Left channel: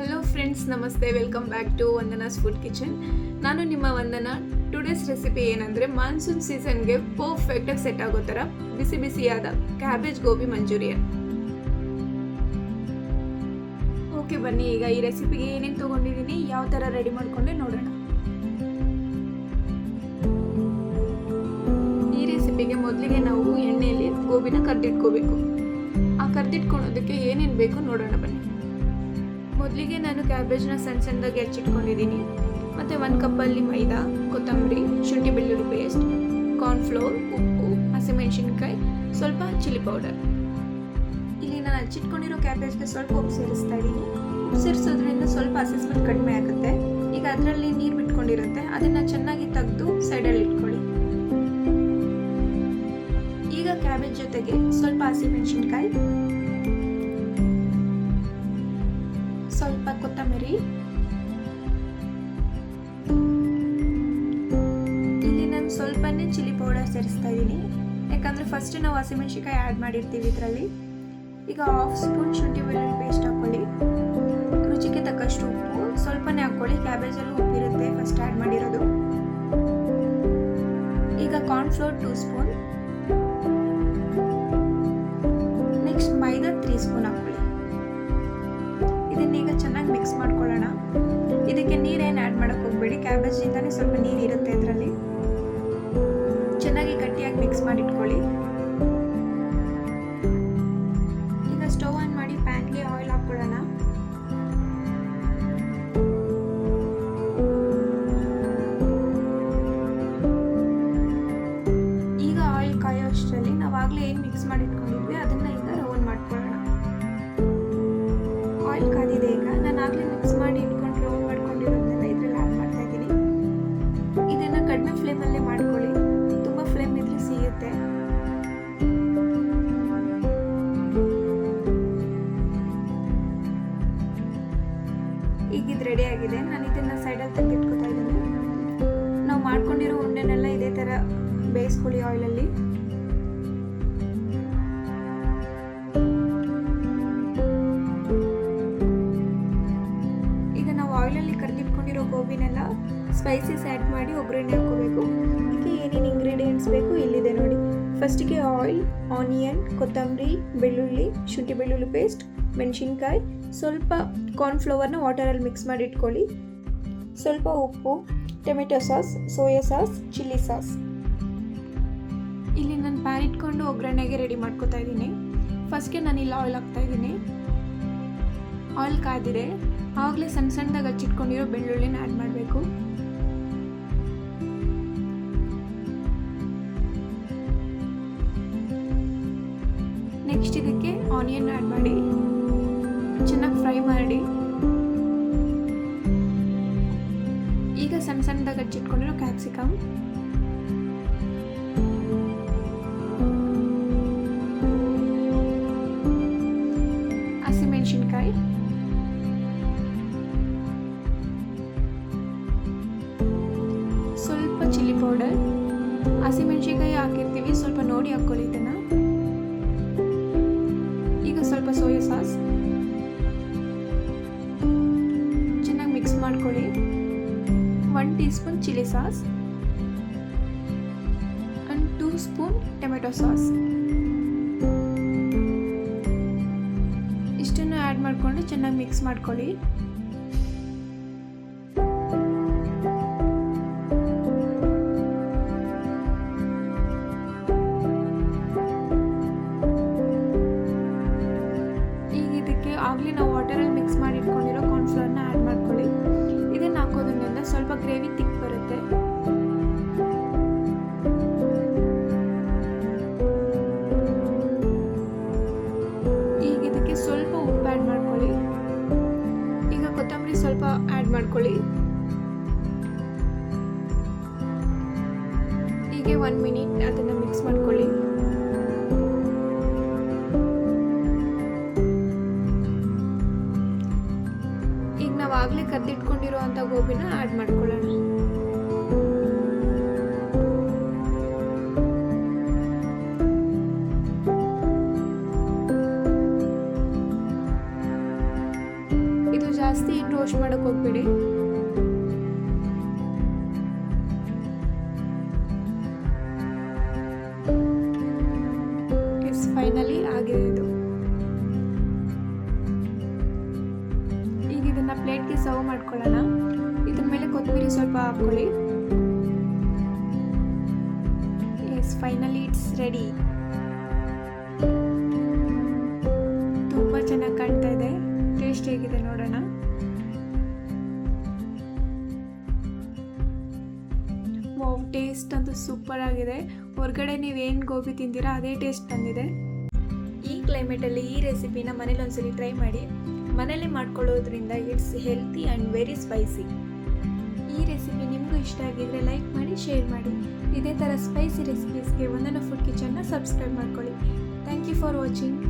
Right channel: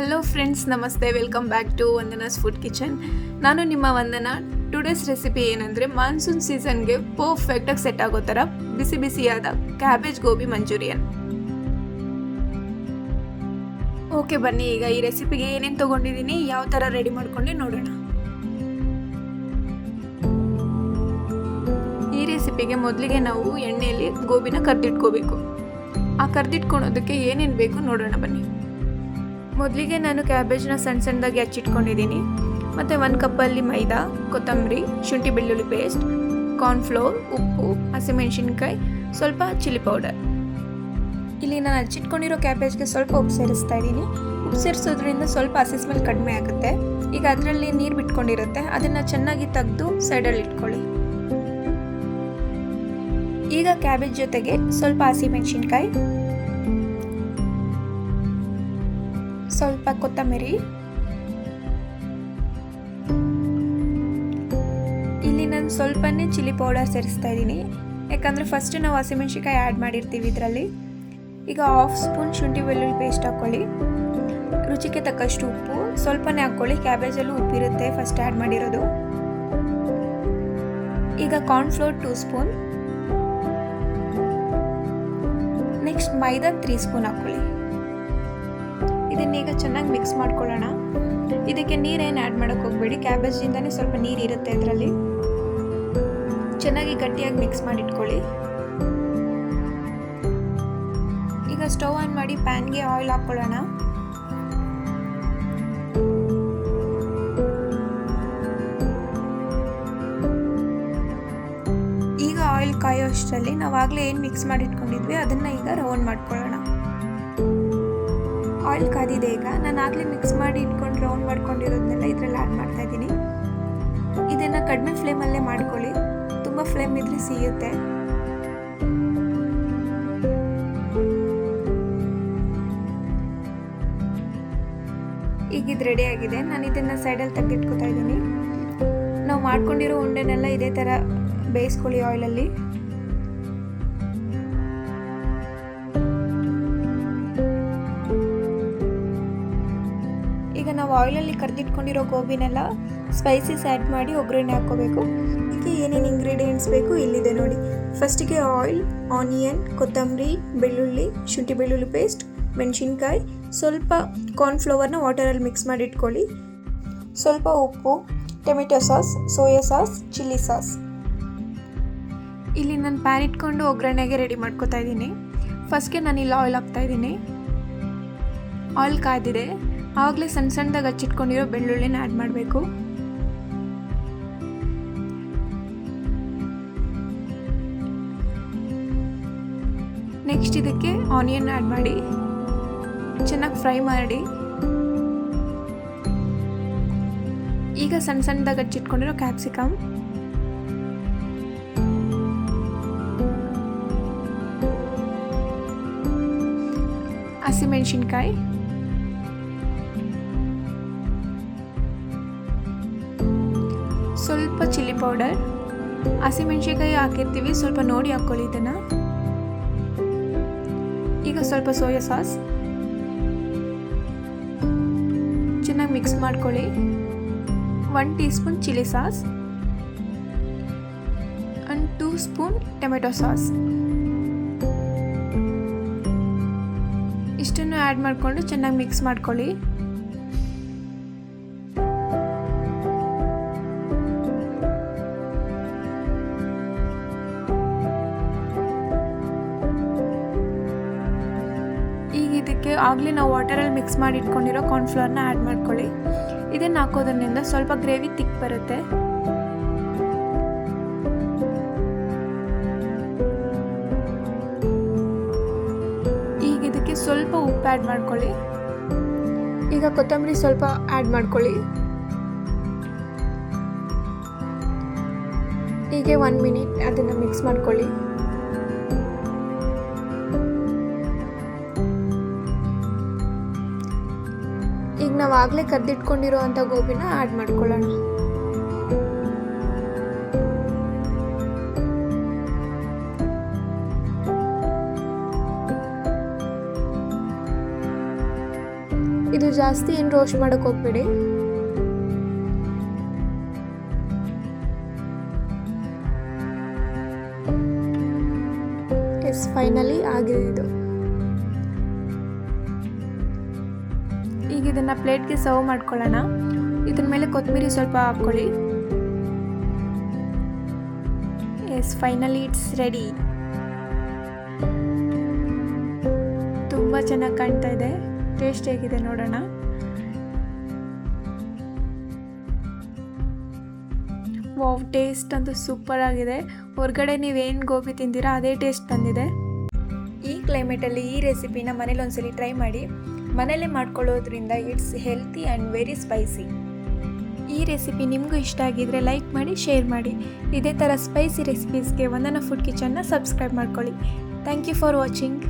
Hello friends, ನಮಸ್ತೆ. Welcome back to Vandana's food kitchen. ನಾನು ನಿಮ್ಮ ವಂದನಾ. ಟುಡೇಸ್ ರೆಸಿಪಿ ಏನಂದರೆ ಮಾನ್ಸೂನ್ ಸೀಸನ್ಗೆ ಪರ್ಫೆಕ್ಟಾಗಿ ಸೆಟ್ ಆಗೋ ಥರ ಬಿಸಿ ಬಿಸಿಯಾದ ಕ್ಯಾಬೇಜ್ ಗೋಬಿ ಮಂಚೂರಿಯನ್. ಓಕೆ, ಬನ್ನಿ ಈಗ ಈ ರೆಸಿಪಿಗೆ ಏನೇನು ತೊಗೊಂಡಿದ್ದೀನಿ, ಯಾವ ಥರ ರೆಡಿ ಮಾಡ್ಕೊಂಡೆ ನೋಡೋಣ. ಈ ರೆಸಿಪಿಗೆ ಮೊದಲಿಗೆ ನಾವು ಎಣ್ಣೆಯಲ್ಲಿ ಗೋಬಿನ ಕರ್ದಿಟ್ಕೋಬೇಕು. ಆ ಕರ್ದಿಟ್ಕೊಳೋದಕ್ಕೆ ಏನೇನು ಬೇಕು ನೋಡೋಣ ಬನ್ನಿ. ಮೊದಲಿಗೆ ನಾನು ಕ್ಯಾಬೇಜ್ನ ಸಣ್ಣ ಸಣ್ಣದಾಗಿ ಹಚ್ಚಿಟ್ಕೊಂಡಿದ್ದೀನಿ. ಮತ್ತು 1 ಕಪ್ಪಲ್ಲಿ ಮೈದಾ, ಕೊತ್ತಂಬರಿ, ಶುಂಠಿ ಬೆಳ್ಳುಳ್ಳಿ ಪೇಸ್ಟ್, ಕಾರ್ನ್ಫ್ಲೋರ್, ಉಪ್ಪು, ಹಸಿಮೆಣಸಿನ್ಕಾಯಿ, ಸ್ವಲ್ಪ ಚಿಲ್ಲಿ ಪೌಡರ್. ಇಲ್ಲಿ ನಾನು ಹಚ್ಚಿಟ್ಕೊಂಡಿರೋ ಕ್ಯಾಬೇಜ್ಗೆ ಸ್ವಲ್ಪ ಉಪ್ಪು ಸೇರಿಸ್ತಾ ಇದ್ದೀನಿ. ಉಪ್ಪು ಸೇರಿಸೋದ್ರಿಂದ ಸ್ವಲ್ಪ ಹಸಿ ಸ್ಮೆಲ್ ಕಡಿಮೆ ಆಗುತ್ತೆ. ಈಗ ಅದರಲ್ಲಿ ನೀರು ಬಿಟ್ಕೊಂಡಿರುತ್ತೆ, ಅದನ್ನು ಚೆನ್ನಾಗಿ ತೆಗೆದು ಸೈಡಲ್ಲಿ ಇಟ್ಕೊಳ್ಳಿ. ಈಗ ಕ್ಯಾಬೇಜ್ ಜೊತೆಗೆ ಸ್ವಲ್ಪ ಹಸಿಮೆಣಸಿನ್ಕಾಯಿ, ಸ್ವಲ್ಪ ಕೊತ್ತಂಬರಿ, ಇಲ್ಲಿ ನಾನು ಸ್ವಲ್ಪನೇ ಚಿಲ್ಲಿ ಪೌಡರ್ ಸೇರಿಸ್ತಾ ಇದ್ದೀನಿ, ಯಾಕಂದರೆ ಫಸ್ಟ್ ನಾವು ಹಸಿಮೆಣಸಿನ್ಕಾಯಿ ಆ್ಯಡ್ ಮಾಡಿರ್ತೀವಿ ಇದರಲ್ಲಿ. ಈಗ 1/2 ಸ್ಪೂನ್ ಶುಂಠಿ ಬೆಳ್ಳುಳ್ಳಿ ಪೇಸ್ಟ್ ಹಾಕ್ಕೊಳ್ಳಿ. ರುಚಿಗೆ ತಕ್ಕಷ್ಟು ಉಪ್ಪು ಸ್ವಲ್ಪನೇ ಹಾಕ್ಕೊಳ್ಳಿ, ಕ್ಯಾಬೇಜಲ್ಲೂ ಉಪ್ಪಿರುತ್ತೆ ಫಸ್ಟ್ ಆ್ಯಡ್ ಮಾಡಿರೋದು. ಈಗ ಕಾರ್ನ್ಫ್ಲೋರ್ 2 ಸ್ಪೂನ್, ನೆಕ್ಸ್ಟ್ ಮೈದಾ 3 ಸ್ಪೂನ್ ಹಾಕ್ಕೊಳ್ಳಿ. ಇದನ್ನೀಗ ಚೆನ್ನಾಗಿ ಮಿಕ್ಸ್ ಮಾಡ್ಕೊಳ್ಳೋಣ. ಇದಕ್ಕೆ ನೀರೇನು ಆ್ಯಡ್ ಮಾಡೋಕ್ಕೆ ಹೋಗಬೇಡಿ, ಕ್ಯಾಬೇಜಿಂದನೇ ಸ್ವಲ್ಪ ನೀರು ಇರುತ್ತೆ ಇದರಲ್ಲಿ. ಚೆನ್ನಾಗಿ ಗಟ್ಟಿಯಾಗಿ ಮಿಕ್ಸ್ ಮಾಡಿಟ್ಕೊಳ್ಳಿ. ಈಗ ಸ್ಟವ್ ಆನ್ ಮಾಡಿ ಪ್ಯಾನ್ಗೆ ಆಯಿಲ್ ಹಾಕ್ಕೊಳ್ಳೋಣ. ಈಗ ಆಯಿಲ್ ಕಾಯೋ ಅಷ್ಟರಲ್ಲಿ ನಾವಾಗಲೇ ಏನು ಮಿಕ್ಸ್ ಮಾಡಿಟ್ಕೊಂಡಿದ್ವಿ ಅದನ್ನು ಈಗ ರೌಂಡ್ ಮಾಡ್ಕೊಳ್ಳೋಣ. ಆಯಿಲ್ ಕಾದಿದೆ. ಈಗ ನಾನು ಆಗಲೇ ಮಿಕ್ಸ್ ಮಾಡಿ ಇಟ್ಕೊಂಡು ರೌಂಡ್ ಮಾಡ್ಕೊಂಡಿರೋದನ್ನೆಲ್ಲ ಇದರಲ್ಲಿ ಆ್ಯಡ್ ಮಾಡ್ತಾ ಇದ್ದೀನಿ. ಇದನ್ನು ಕಡಿಮೆ ಫ್ಲೇಮಲ್ಲೇ ಮಾಡ್ಕೊಳ್ಳಿ, ತುಂಬ ಫ್ಲೇಮ್ ಇದ್ರೆ ಸಿಗುತ್ತೆ. ಈಗ ಇದು ರೆಡಿ ಆಗಿದೆ. ನಾನು ಇದನ್ನು ಸೈಡಲ್ಲಿ ತೆಗೆದಿಟ್ಕೊತಾ ಇದ್ದೀನಿ. ನಾವು ಮಾಡ್ಕೊಂಡಿರೋ ಉಂಡೆನೆಲ್ಲ ಇದೇ ಥರ ಬೇಯಿಸ್ಕೊಳ್ಳಿ ಆಯಿಲಲ್ಲಿ. ಈಗ ನಾವು ಆಯಿಲಲ್ಲಿ ಕರ್ದಿಟ್ಕೊಂಡಿರೋ ಗೋಬಿನೆಲ್ಲ ಸ್ಪೈಸಸ್ ಆ್ಯಡ್ ಮಾಡಿ ಒಗ್ಗರಣೆ ಹಾಕ್ಕೋಬೇಕು. ಇದಕ್ಕೆ ಏನೇನು ಇಂಗ್ರೀಡಿಯೆಂಟ್ಸ್ ಬೇಕು ಇಲ್ಲಿದೆ ನೋಡಿ. ಫಸ್ಟಿಗೆ ಆಯಿಲ್, ಆನಿಯನ್, ಕೊತ್ತಂಬರಿ, ಬೆಳ್ಳುಳ್ಳಿ, ಶುಂಠಿ ಬೆಳ್ಳುಳ್ಳಿ ಪೇಸ್ಟ್, ಮೆಣಸಿನ್ಕಾಯಿ, ಸ್ವಲ್ಪ ಕಾರ್ನ್ಫ್ಲವರ್ನ ವಾಟರಲ್ಲಿ ಮಿಕ್ಸ್ ಮಾಡಿ ಇಟ್ಕೊಳ್ಳಿ, ಸ್ವಲ್ಪ ಉಪ್ಪು, tomato sauce, soya sauce, chilli sauce. ಇಲ್ಲಿ ನಾನು ಪ್ಯಾನ್ ಇಟ್ಕೊಂಡು ಒಗ್ಗರಣೆಗೆ ರೆಡಿ ಮಾಡ್ಕೊತಾ ಇದ್ದೀನಿ. ಫಸ್ಟ್ಗೆ ನಾನು ಇಲ್ಲಿ ಆಯಿಲ್ ಹಾಕ್ತಾ ಇದ್ದೀನಿ. ಆಯಿಲ್ ಕಾದಿದೆ. ಆವಾಗಲೇ ಸಣ್ಣ ಸಣ್ಣದಾಗಿ ಹಚ್ಚಿಟ್ಕೊಂಡಿರೋ ಬೆಳ್ಳುಳ್ಳಿನ ಆ್ಯಡ್ ಮಾಡಬೇಕು. ನೆಕ್ಸ್ಟ್ ಇದಕ್ಕೆ ಆನಿಯನ್ ಆ್ಯಡ್ ಮಾಡಿ ಚೆನ್ನಾಗಿ ಫ್ರೈ ಮಾಡಿ. ಈಗ ಸಣ್ಣ ಸಣ್ಣದಾಗಿ ಹಚ್ಚಿಟ್ಕೊಂಡಿರೋ ಕ್ಯಾಪ್ಸಿಕಮ್, ಹಸಿಮೆಣಸಿನ್ಕಾಯಿ, ಸ್ವಲ್ಪ ಚಿಲ್ಲಿ ಪೌಡರ್, ಹಸಿಮೆಣಸಿನ್ಕಾಯಿ ಹಾಕಿರ್ತೀವಿ, ಸ್ವಲ್ಪ ನೋಡಿ ಹಾಕ್ಕೊಳ್ಳಿ ಇದನ್ನು. ಈಗ ಸ್ವಲ್ಪ ಸೋಯಾ ಸಾಸ್ ಚೆನ್ನಾಗಿ ಮಿಕ್ಸ್ ಮಾಡ್ಕೊಳ್ಳಿ. 1 tea spoon chilli sauce and 2 spoon tomato sauce. ಇಷ್ಟನ್ನು ಆ್ಯಡ್ ಮಾಡಿಕೊಂಡು ಚೆನ್ನಾಗಿ ಮಿಕ್ಸ್ ಮಾಡ್ಕೊಳ್ಳಿ. ಈಗ ಇದಕ್ಕೆ ಆಗಲೇ ನಾವು ವಾಟರಲ್ಲಿ ಮಿಕ್ಸ್ ಮಾಡಿ ಇಟ್ಕೊಂಡಿರೋ ಕಾರ್ನ್ಫ್ಲವರ್ನ ಆ್ಯಡ್ ಮಾಡ್ಕೊಳ್ಳಿ. ಇದನ್ನು ಹಾಕೋದ್ರಿಂದ ಸ್ವಲ್ಪ ಗ್ರೇವಿ ತಿಕ್ ಬರುತ್ತೆ. ಈಗ ಇದಕ್ಕೆ ಸ್ವಲ್ಪ ಉಪ್ಪು ಆ್ಯಡ್ ಮಾಡ್ಕೊಳ್ಳಿ. ಈಗ ಕೊತ್ತಂಬರಿ ಸ್ವಲ್ಪ ಆ್ಯಡ್ ಮಾಡ್ಕೊಳ್ಳಿ. ಹೀಗೆ 1 ಮಿನಿಟ್ ಅದನ್ನು ಮಿಕ್ಸ್ ಮಾಡ್ಕೊಳ್ಳಿ. ಈಗ ನಾವು ಆಗಲೇ ಕರ್ದಿಟ್ಕೊಂಡಿರೋ ಅಂಥ ಗೋಬಿನ ಆ್ಯಡ್ ಮಾಡ್ಕೊಳ್ಳೋಣ. ಇದು ಜಾಸ್ತಿ ಏನು ರೋಸ್ಟ್ ಮಾಡೋಕ್ಕೆ ಹೋಗ್ಬೇಡಿ. ಎಸ್, ಫೈನಲಿ ಆಗಿದೆ ಇದು. ಈಗ ಇದನ್ನು ಪ್ಲೇಟ್ಗೆ ಸರ್ವ್ ಮಾಡ್ಕೊಳ್ಳೋಣ. ಇದ್ರ ಮೇಲೆ ಕೊತ್ತಂಬರಿ ಸ್ವಲ್ಪ ಹಾಕ್ಕೊಳ್ಳಿ. Yes, finally it's ready. ತುಂಬ ಚೆನ್ನಾಗಿ ಕಾಣ್ತಾ ಇದೆ. ಟೇಸ್ಟ್ ಹೇಗಿದೆ ನೋಡೋಣ. ವಾವ್, ಟೇಸ್ಟ್ ಅಂತೂ ಸೂಪರ್ ಆಗಿದೆ. ಹೊರಗಡೆ ನೀವೇನು ಗೋಬಿ ತಿಂತೀರಾ ಅದೇ ಟೇಸ್ಟ್ ಬಂದಿದೆ. ಈ ಕ್ಲೈಮೇಟಲ್ಲಿ ಈ ರೆಸಿಪಿನ ಮನೇಲಿ ಒಂದ್ಸಲಿ ಟ್ರೈ ಮಾಡಿ. ಮನೇಲೆ ಮಾಡ್ಕೊಳ್ಳೋದ್ರಿಂದ it's healthy and very spicy. ಈ ರೆಸಿಪಿ ನಿಮಗೂ ಇಷ್ಟ ಆಗಿದ್ರೆ ಲೈಕ್ ಮಾಡಿ, ಶೇರ್ ಮಾಡಿ. ಇದೇ ಥರ ಸ್ಪೈಸಿ ರೆಸಿಪೀಸ್ಗೆ ವಂದನಾ ಫುಡ್ ಕಿಚನ್ನ ಸಬ್ಸ್ಕ್ರೈಬ್ ಮಾಡ್ಕೊಳ್ಳಿ. Thank you for watching.